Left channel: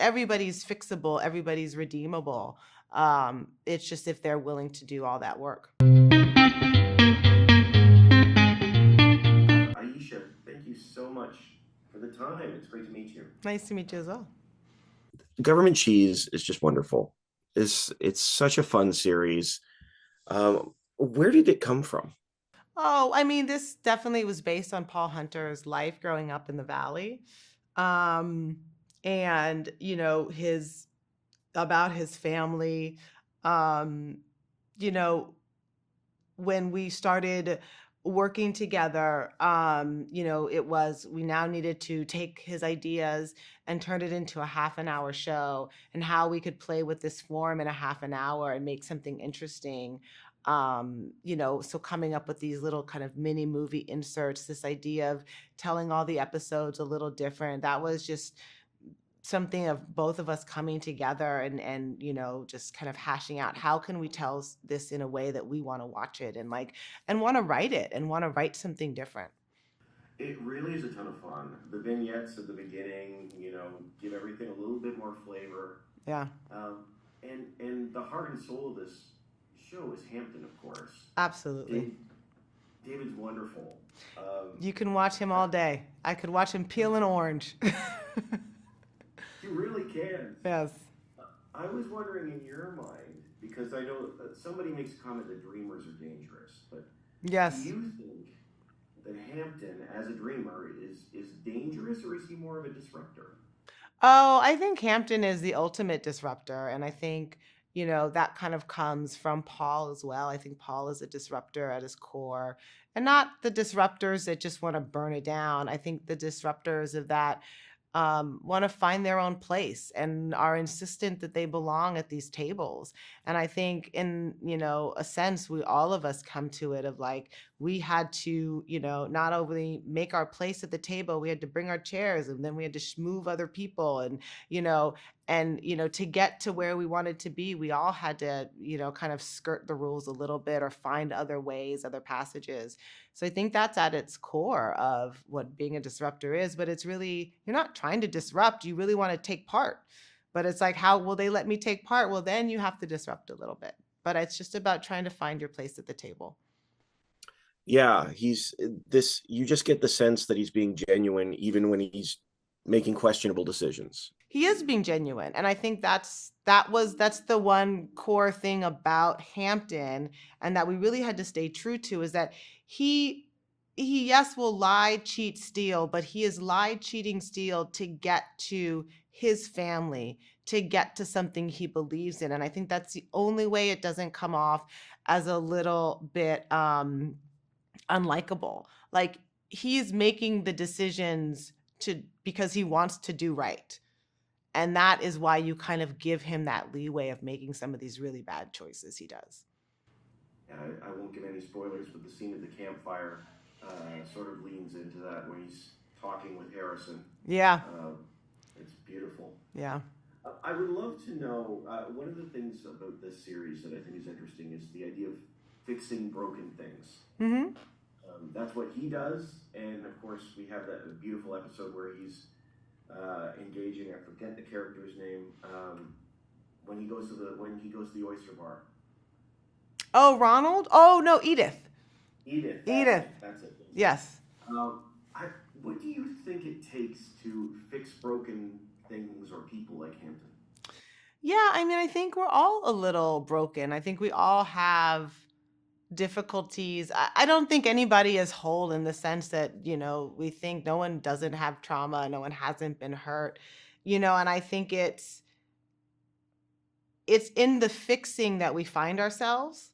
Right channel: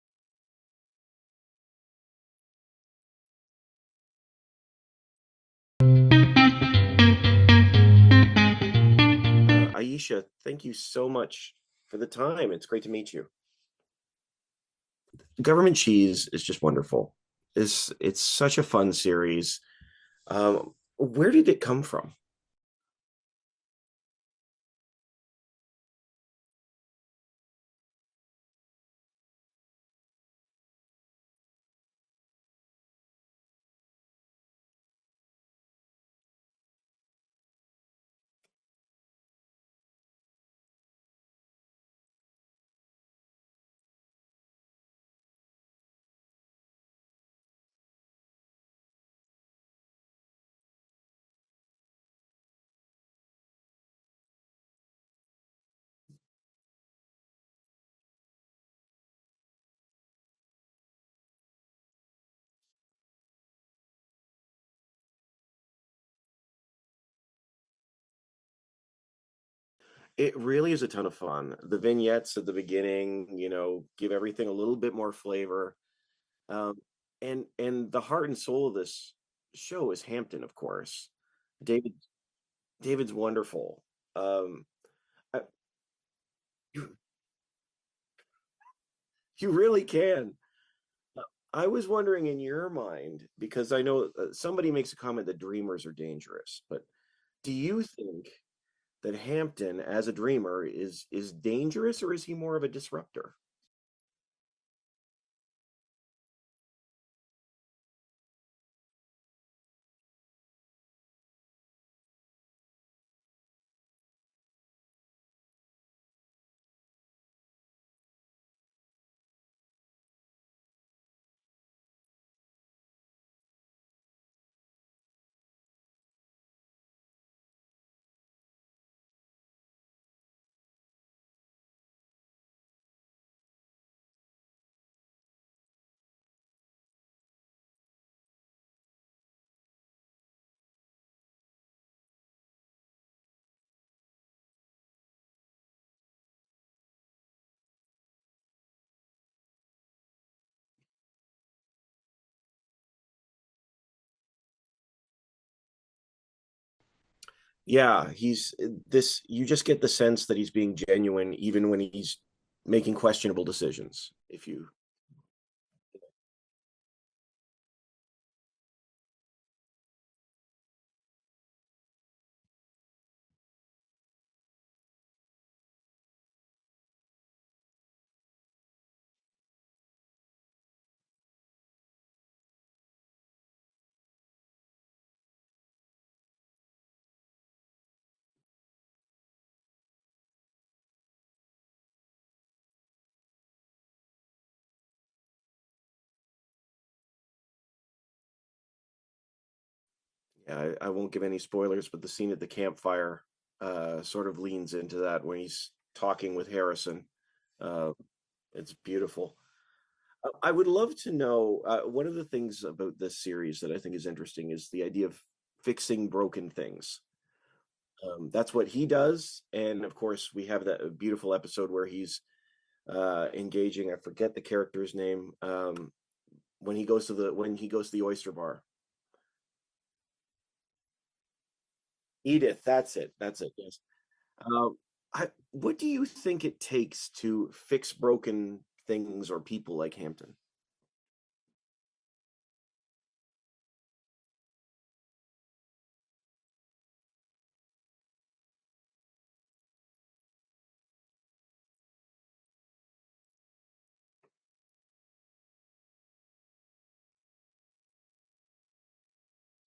everybody's fixable, everybody's redeemable. It's just if they're willing to do all that work. Aisha, thank you so much for the time. It's great to meet you. Nice to meet you as well. Government Cheese is just wonderful. It's such a fun series. Where did it come from? Oh, I mean, this definitely was based on Paul Hunter's life growing up in the valley. Um, and, his about his family. Um, you know, when we started working together, it was we now needed to take his ideas and turn it into a half an hour show, and how we could play with this form in a half an hour and make something interesting. So coming up with these little kind of mini movie inserts, this idea of telling all the episodes a little different, that was just something of both of us coming together and just kind of hashing out how can we tell this in a way that we want to watch it and want to write it and want to write something different. It really is a ton of fun. The vignettes at the beginning, give everything a little bit more flavor. Yeah, Um, and the heart and soul of this show is Hampton, of course. absolutely. David David's wonderful. Um, You can watch him uh, all day. I could watch him you peel an orange. you really can. Yes. I was wondering in your mind, because I know somebody makes a comment that dreamers are dangerous, but do Yes. you think that Hampton, as a dreamer, is dangerous, or is he more of a disruptor? Oh, I think Hampton is the ultimate disruptor. And I think, that kind of comes from Paul as well. I think Paul is a disruptor at his core. And not the disruptors that just want to burn it down. I think the disruptors of that want to find their own place and are insistent that they belong at these tables. And I think, in a sense, we all of us come to it of like we had to, not only make our place at the table, we had to bring our chairs, and then we had to move other people, and you know to get to where we wanted to be, we all had to kind of skirt the rules a little bit or find other ways, other passages. So I think that's at its core of what being a disruptor is. But it's really, you're not trying to disrupt, you really want to take part. But it's like, how will they let me take part? Well, then you have to disrupt a little bit. But it's just about trying to find your place at the table. Yeah, he's this. You just get the sense that he's being genuine, even when he's making questionable decisions. He is being genuine, and I think that's the one core thing about Hampton, and that we really had to stay true to, is that he he yes will lie, cheat, steal, but he is lied, cheating, steal to get to his family, to get to something he believes in. And I think that's the only way it doesn't come off as a little bit unlikable. Like, he's making the decisions to because he wants to do right, and that is why you kind of give him that leeway of making some of these really bad choices he does. I won't give any spoilers, but the scene at the campfire sort of leans into that when he's talking with Harrison. Yeah. Uh, it's beautiful. Yeah. I would love to know one of the things about this series that I think is interesting is the idea of fixing broken things. Mm-hmm. That's what he does, and of course, we have that beautiful episode where he's engaging. I forget the character's name. When he goes to the oyster bar. Oh, Ronald? Oh, no, Edith. Edith, that's Edith. it. That's it. Yes. Yes. Um, what do you think it takes to fix broken things or people like Hampton? Yeah, I mean, I think we're all a little broken. I think we all have difficulties. I don't think anybody is whole in the sense that, we think no one doesn't have trauma, no one hasn't been hurt, and I think it's in the fixing that we find ourselves.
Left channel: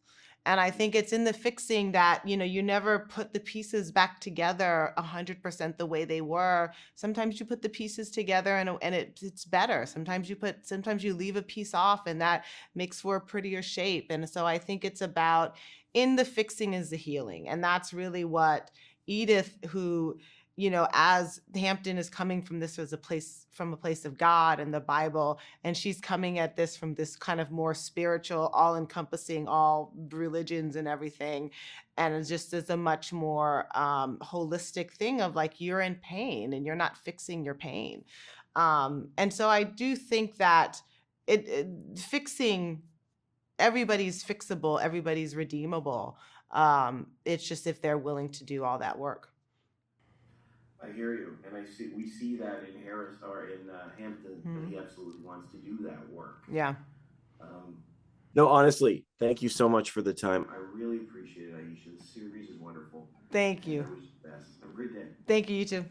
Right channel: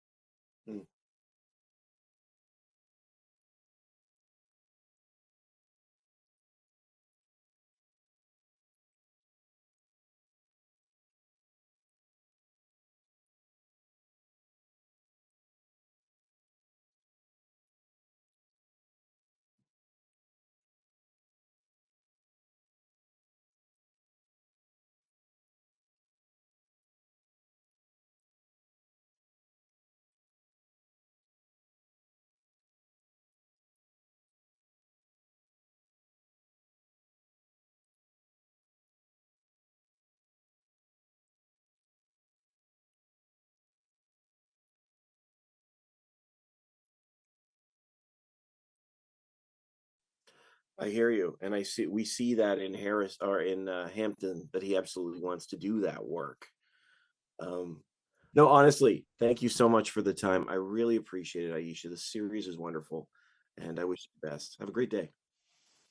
And I think it's in the fixing that, you never put the pieces back together 100% the way they were. Sometimes you put the pieces together and it's better. Sometimes you leave a piece off, and that makes for a prettier shape. And so I think it's about, in the fixing is the healing. And that's really what Edith, who, as Hampton is coming from a place of God and the Bible, and she's coming at this from this kind of more spiritual, all encompassing all religions and everything, and it just is a much more holistic thing of like, you're in pain and you're not fixing your pain. And so I do think that fixing, everybody's fixable, everybody's redeemable. It's just if they're willing to do all that work. I hear you, and we see that in Harris or in Hampton that he absolutely wants to do that work. Yeah. Um, no, honestly, thank you so much for the time. I really appreciate it, Aisha. The series is wonderful. Thank And I you. wish you the best. Have a great day. Thank you, you too.